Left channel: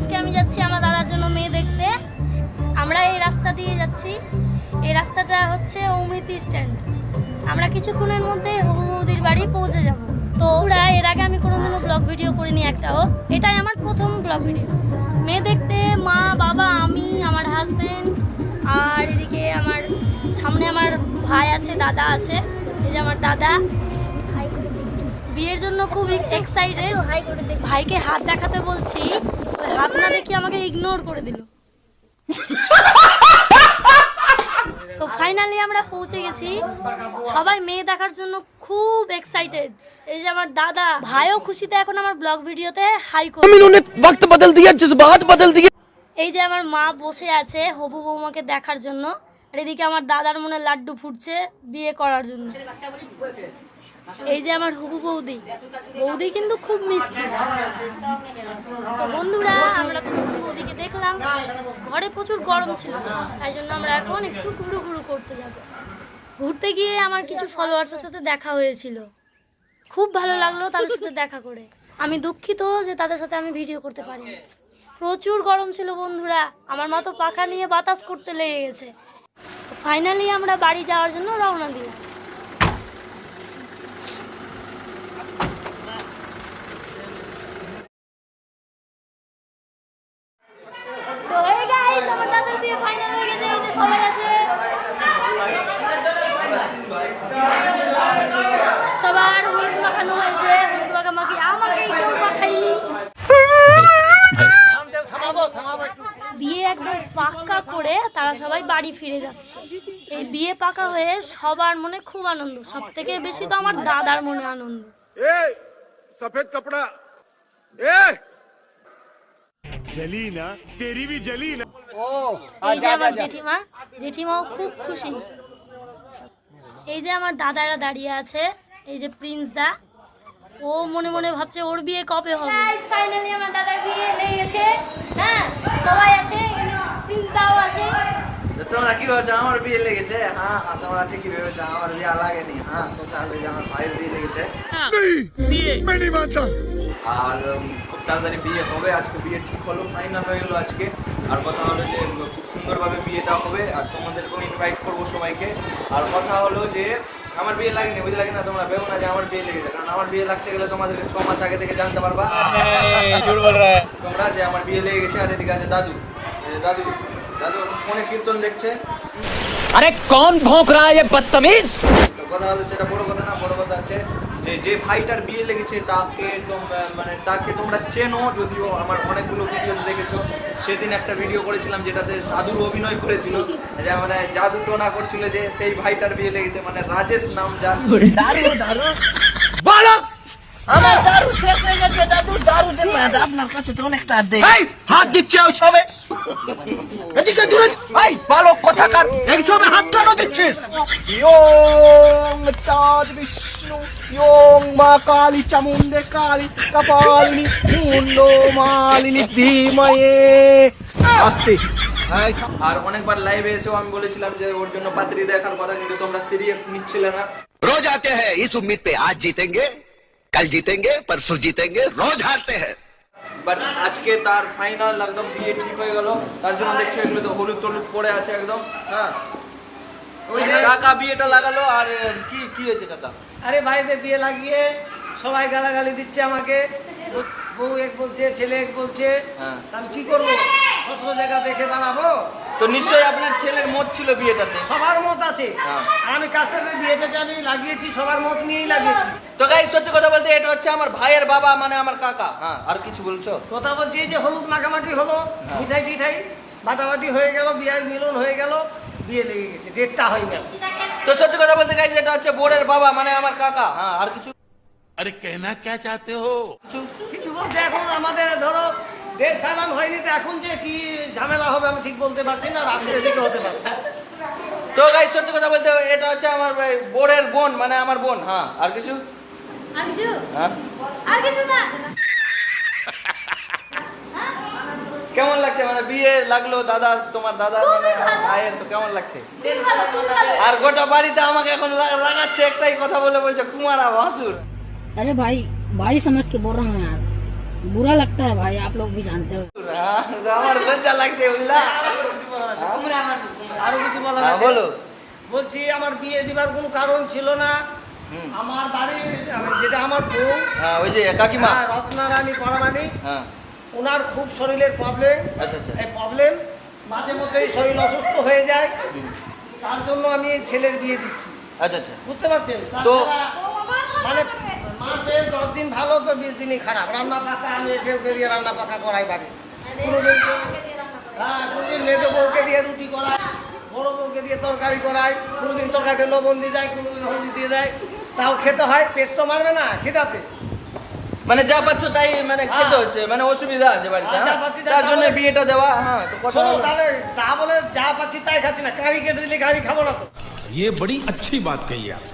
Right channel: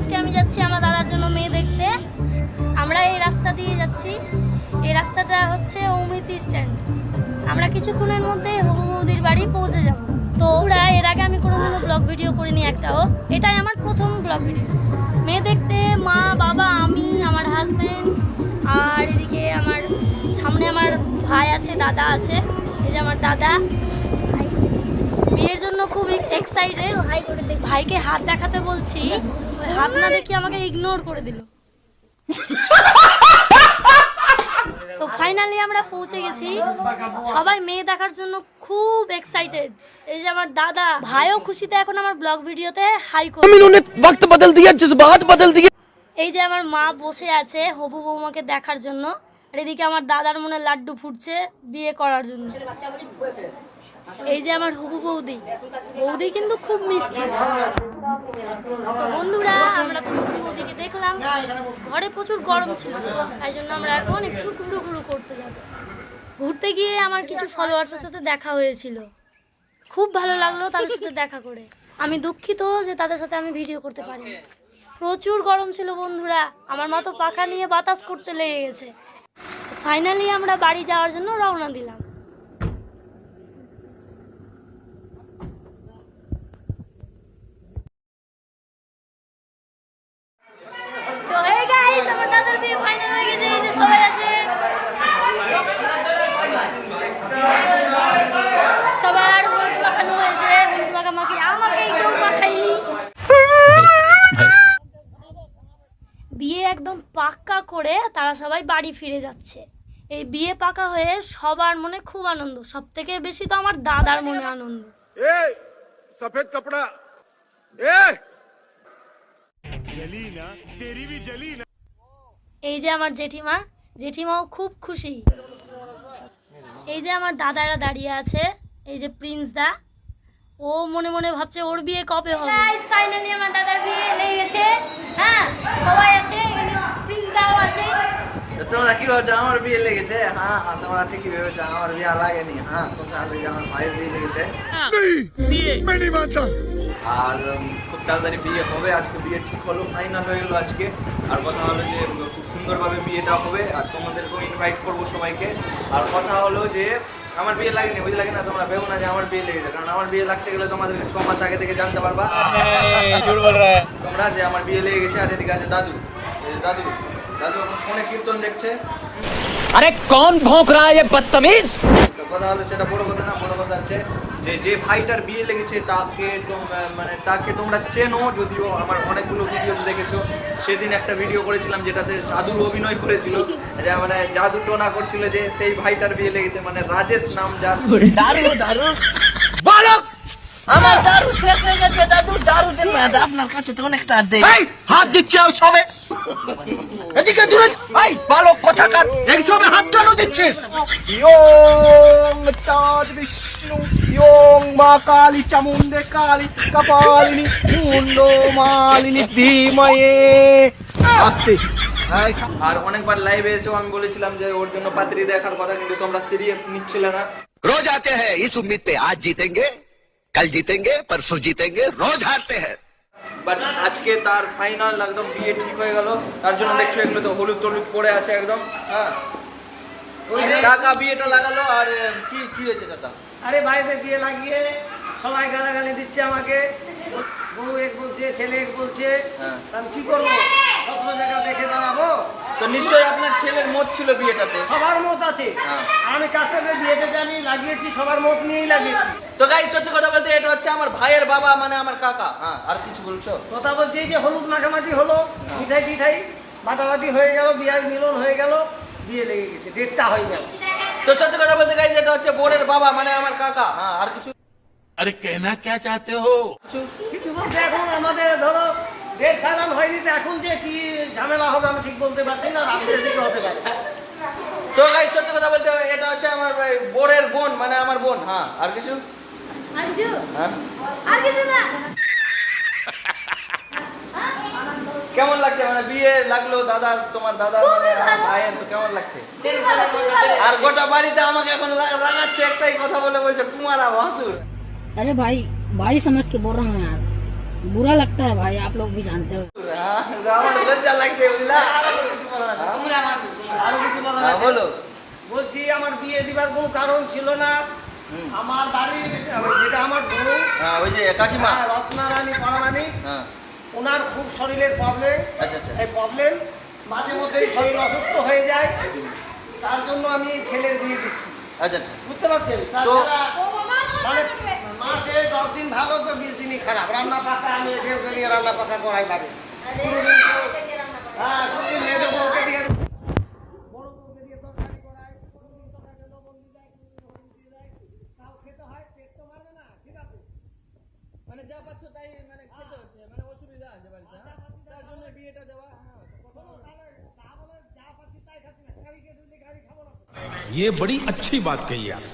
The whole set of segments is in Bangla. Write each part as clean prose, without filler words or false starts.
আজকে আমি যাচ্ছি আমার দাদার জন্য মেয়ে দেখতে। আমরা এই রাস্তা দিয়ে যাচ্ছি। এই রাস্তাটা হচ্ছে অমৃতি স্ট্যান্ড। আমরা কিছুক্ষণের মধ্যে হবু বৌদির বাড়ি পৌঁছে যাব। তো ওরা এর আগে আমি কোনোদিনও ব্লগ ভিডিও করিনি একটাও, এটাই আমার প্রথম ব্লগ ভিডিও। মেয়ে দেখতে মা বাবা আমি আমার হাজবেন্ড আর এদিকে আমার সামনে আমার ভাই আছে, দাদা আছে। এই যে আমার দাদা বিয়ের জন্য খুব এক্সাইটেড। ভাইকে হাত দেখাতে বলছি, ওই হাত না দেখি আমাকে ইগনোর করে দিল। তো ফাইনালি আমরা পৌঁছে গেছি। সবাই মেয়ে দেখার জন্য খুব এক্সাইটেড। এই যে আমার দাদা ভাইও খুশিতে এখন আমার ব্লগ ভিডিওতে হাই করে। वक्त बदल दिया जज्बात बदल दिए। এই যে আমার মা বসে আছে হবু বৌমাকে দেখার জন্য, আর এদিকে আমার দাদার মনে লাড্ডু ফুটছে বিয়ে করার জন্য। এই যে আমার হবু বৌদি, বৌদি কিন্তু খুব মিষ্টি। তো বন্ধুরা আমরা তো নতুন বৌদিকে দেখলাম, ঘরে প্রচুর গরম ছিল, তাই জন্য আমরা এখন একটু ঘুরু ঘুরু করতে যাব। ঘুরতে গিয়ে আমার কিছু ফলোয়ার্সের সাথে দেখা হয়েছিল, খুব ভালো লাগলো তাদের সাথে দেখা করে। আমি দুঃখিত যে তাদের সাথে আমি ভিডিও করতে পারিনি। প্রচুর গরম ছিল বন্ধুরা, আমার মা তো পাখা নিয়ে বাতাস করতে লেগে গেছে। ফাইনালি আমরা বাড়ি যাওয়ার জন্য রওনা দিলাম। তো হে গাইস, আমার দাদার বিয়ে ফাইনাল হয়ে গেছে। এই যে সবাই আছে, সবার হলুদ মাখানো হয়েছে। হলুদ মাখামাখি আমাকে কেউ মাখায়নি। বিয়ে একদম পাক্কা করে তারা সবাই বাড়ি ফিরে যাচ্ছে। এই বিয়ে পাকা হয়ে সবার মনে খুব আনন্দ, সব থেকে বেশি তো আমার দাদার মনে আনন্দ। सफेद कपड़ा जली ना तेरी भी जली ना। এই যে আমার জেঠিমা, জেঠিমাও খুব খুশি। এই যে আমার দাদারা দাঁড়িয়ে আছে, এই যে প্রিন্স দা, ও মনে মনে ভাবছে ওর বিয়ে কবে হবে। ফাইনালি আমার দাদার বিয়ে লেগে গেছে। হ্যাঁ সবাই আছে, প্রিন্স দাও আছে। তোমরা কি ভাবছো আমার বিয়ে লেগেছে? হ্যাঁ তোমরা ঠিকই ভেবেছো আমার বিয়ে লাগেনি। হ্যাঁ কথা হলো যে আমার ভাইয়ের বিয়ে লেগেছে। मैं नहीं मानता। আর খুব তাড়াতাড়ি বিয়ে হবে। আজকে বিয়ে ঠিক হলো, ফাইনাল হয়ে গেলো আজকে। আর কথা হলো যে খুব সুন্দরভাবে বিয়েটা হবে, আর তোমাদেরকেও ইনভাইট করবো সবাইকে। আর কথা হলো যে আমার বিয়ে লাগেনি, বুঝলে না? তোমরা ভেবো না যে আমার বিয়ে লেগেছে, কারণ আমার বিয়ে লাগতে গেলে তোমাদেরকে 6 মাস আগে থেকে জানতে পারবা তোমরা যে আমার বিয়ে লেগে গেছে। আর এদিকে আছে দাদু, দাদু দাদু ফোনে কীর্তন দেখছে। अरे कौन भौंक रहा है ये बदतमीज। তো কথা হলো সেটা বড় কথা না, বড় কথা আছে যে যে ভাইটার বিয়ে লেগেছে তাকে তোমরা চেনো। যদিও আমার অনেকগুলো ভিডিও দেখেছো, সেদিন একটা ভিডিও করেছিলাম যেটাতে সাধুর অভিনয় করেছিল, যে মানে জাদু টোনা করছিল, যে সেই ভাইটার বিয়ে লেগেছে, মানে রাজেশ নাম যার। बालक আমার দারু শেষ হয়ে গেছে, দাদু দারু দেন না, আপনার কাছে তো অনেকটা দেই। হাত দিচ্ছে ওই সবে, এদিকে দূরে। এই বালক কোথাকার, এই সবে হাত কেন দিচ্ছিস? ইয়ং চাঁদ বিষ্ণু, ইয়ং মা কালী চামুণ্ডে কালী কপালিনী মুন্ড মালিনী ধীময়ে আস্তে। আর অনেকবার লাইভে এসেও আমি বলেছিলাম যে ওর জন্য পাত্রী দেখার কথা, কিন্তু তোমরা সিরিয়াস নিচ্ছিলে না। रोज आते हैं इस उम्मीद पे, आज जीतेंगे कल जीतेंगे परसों जीतेंगे, रोज हारते हैं। বাট আজকে তার ফাইনাল একদম বিয়ে ঠিক হয়ে গেল। তার জন্য দেখছো এগুলো তো হলুদ টলুদ পড়ে আছে একদম। হ্যাঁ কাকা বিয়েটা লাগালো। আর কি কি হয়েছে কাকা? আরে ভাইদের বিয়ে লাগিয়ে সবাই গালাগালি দিচ্ছে আমাকে, বউ এক বলছে, ছেলে এক বলছে। হ্যাঁ। আমি কি করবো? সত্য জায়গা দেখে দাঁড়াবো। তো নিশ্চয়ই আপনার ছেলের মত ছিল বিয়েটাতে। সবার মত আছে। হ্যাঁ। আমি তার সাথে বিয়েটাকে আমি লাগিয়েছি, সবার মত নিয়েই লাগিয়েছি। তো গাইস সত্যি কথা বলতে এটা হচ্ছে আমার ভাইয়ের বাবা, মানে আমার কাকা। হ্যাঁ আর কিছু বলছো? কথা বলছি যে হলুদ মাখামাখি হলো, মিঠাই টিঠাই বাটাবাটি হয়ে গেল, বিয়ার মিলন হয়ে গেল, বিয়ে লেগে গেছে, ডেটটা হয়ে গেল। তো সত্যি কথা বলতে গাইস এটা হচ্ছে বোরের বাবা, মানে আমার কাকা। হ্যাঁ আর কিছু अरे कहना क्या चाहते हो? কিছু বলতে এখন আমাদের ধরো ডেট ফাইনাল হয়ে গেছে, এখন যে কি ঝামেলা হবে আমি ঠিক বলতে পারছি না, রাত্রে দিকে হতে পারে। তো গাইস সত্যি কথা বলতে এটা হচ্ছে আমার বোরের বোন, মানে আমার বোন। হ্যাঁ আর কিছু? আর কিছু? হ্যাঁ আর কিছু না। কেমন লাগছে? মানে বিয়ে লাগলো দাদা, তোমার দাদা মানে আমার ভাইয়ের, তো কেমন লাগছে? আর গোটা বাড়িতে আমাকে এখন রাগাচ্ছে, একটাই কথা বলে বলছে কুমারা ভাসুর। अरे भाई भाई समझ के बोल रहा हूँ यार, बुरा लगता है भाई, आप लोग भी जानते हो। আমার লজ্জা লাগছে বুঝলা। আরো কিছু বলার আছে? হ্যাঁ, বলো। বলছি আমার বিয়ে দিবার কোনো কারণ ছিল না। আমার বাড়ির যেটা আমার বউ, হ্যাঁ, ওই যে কাকিমা। রত্নারানী পরামানি, হ্যাঁ, ওনার খুব শরীরের প্রবলেম। আচ্ছা আচ্ছা। এই প্রবলেম মাঝে মধ্যেই শরীর অসুস্থ হয়ে যায়, তার জন্য আমি এই ছেলের বিয়ে দিচ্ছি। আচ্ছা আচ্ছা। বুঝতে পারছেন? তো- তাছাড়া মানে মাসে 10 দিন ভালো তো 20 দিনই খারাপ। রান্না পাকা আমি এসে বেরিয়ে রান্না পাকা করাই বাড়ি। কোনোদিন কোনোদিন মেজো বউকে দিয়ে রুটি করাই, বড় বউকে দিয়ে তরকারি করাই, কোনোদিন তরকারিতে লবণ দিয়ে দেয়, কোনোদিন হলদি দিয়ে দেয়। তাও খেতে হয়, পেট তো মারবে না খিদাতে। মানে যা পাচ্ছ তাই মানে খেতে হচ্ছে, মানে অসুবিধা আছে বাড়িতে, হ্যাঁ, যা হ্যাঁ? পাচ্ছি তাই তার জন্য খাবো। বিয়েটা দেওয়া। হ্যাঁ, তো কথা শোনো হলো। তাহলে তা বলে যা পাচ্ছি তাই খাচ্ছি না, গাড়ি কেটে দিলে গাড়ি খাবো না তো। ये बड़ी अच्छी बात कही आप।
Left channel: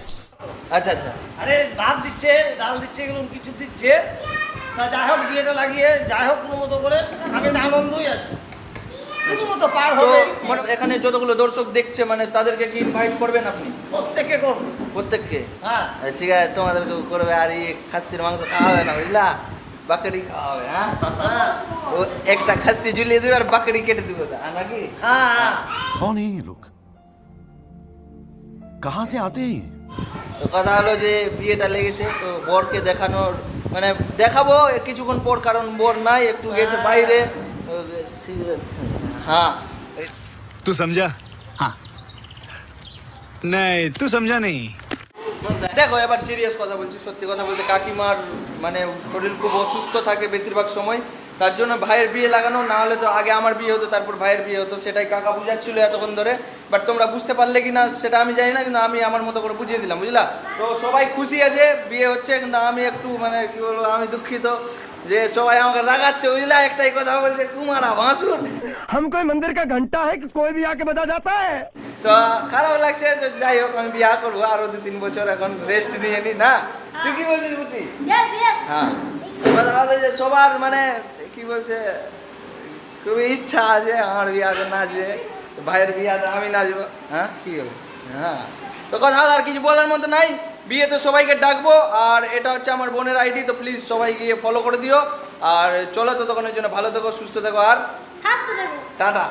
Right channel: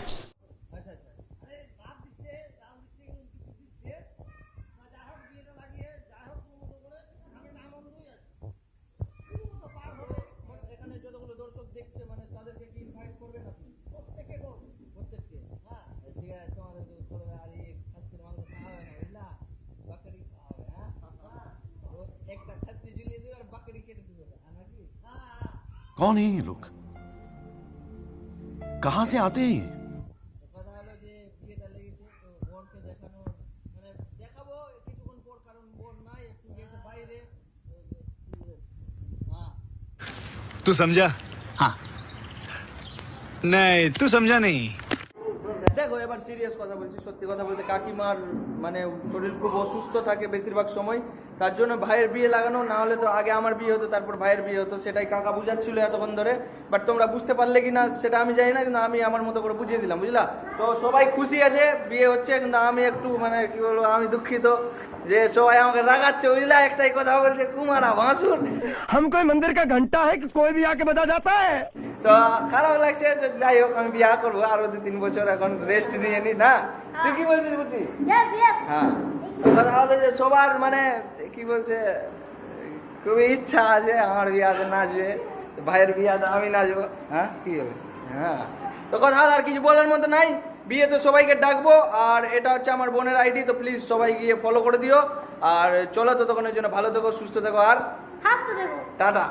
আচ্ছা আচ্ছা। আরে ভাত দিচ্ছে, ডাল দিচ্ছে, এগুলো কিছু দিচ্ছে। তা যাই হোক বিয়েটা লাগিয়ে যাই হোক কোনো মতো করে আমি তো আনন্দই আছি, কোনো মতো পার তো হবে। মানে এখানে যতগুলো দর্শক দেখছে মানে তাদেরকে কি ইনভাইট করবেন আপনি? প্রত্যেকে করবো। প্রত্যেককে? হ্যাঁ ঠিক আছে, তোমাদেরকে করবে। আর এই খাসির মাংস খাওয়া হবে না বুঝলা, বাকরি খাওয়া হবে। হ্যাঁ, ও একটা খাসি ঝুলিয়ে দিবে আর বাকরি কেটে দিবে নাকি? হ্যাঁ হ্যাঁ। कौन है ये लोग कहां से आते हैं ये তো কথা হলো যে বিয়েটা লেগেছে, তো বরকে দেখানোর মানে দেখাবো কিছুক্ষণ পর, কারণ বর নাই, একটু গেছে বাইরে। হ্যাঁ, तू समझा? हाँ। नहीं, तू समझा नहीं। দেখো এবার সিরিয়াস কথা বলছি, সত্যি কথা বলতে কাকিমার মানে শরীর খুব অসুস্থ থাকে বেশিরভাগ সময়, তার জন্য ভাইয়ের বিয়ে লাগানো, না হলে তো আগে আমার বিয়ে হতো তারপর ভাইয়ের বিয়ে হতো, সেটাই কাকা বুঝাচ্ছিল এতক্ষণ ধরে। বাট তোমরা বুঝতে পারলে কি না সেটা আমি জানি না, কিন্তু আমি আমার মতো করে বুঝিয়ে দিলাম বুঝলা। তো সবাই খুশি আছে, বিয়ে হচ্ছে, কিন্তু আমি একটু মানে কি বলবো, আমি দুঃখিত যে সবাই আমাকে রাগাচ্ছে বুঝলা। একটাই কথা বলছে কুমারা ভাসুর। हम कोई मंदिर का घंटा है कि कोई भी आके बजा जाता है? তো খারাপ লাগছে যে যাই হোক আমি বিয়ে করবো, আরো 2-3 বছর এখন রেস্ট নিয়ে নি না। তুই কি বলছিস বুঝছি? হ্যাঁ, কথা হলো যে সবার মানে কি বলছে খুবই ইচ্ছা আছে আমার বিয়াতে নাচবে, তো ভাইয়ের বিয়াতে আমি নাচবো। হ্যাঁ, কি বলবো? হ্যাঁ, তো কথা হলো আর কিছু বলার মতো নাই। বিয়েতে সবাইকে ডাকবো, আর এটা হচ্ছে আমার বোনের আইডি, তো প্লিজ সবাই গিয়ে ফলো করে দিও। আর চলো ততক্ষণের জন্য ভালো থেকো, সুস্থ থেকো, আর টাটা।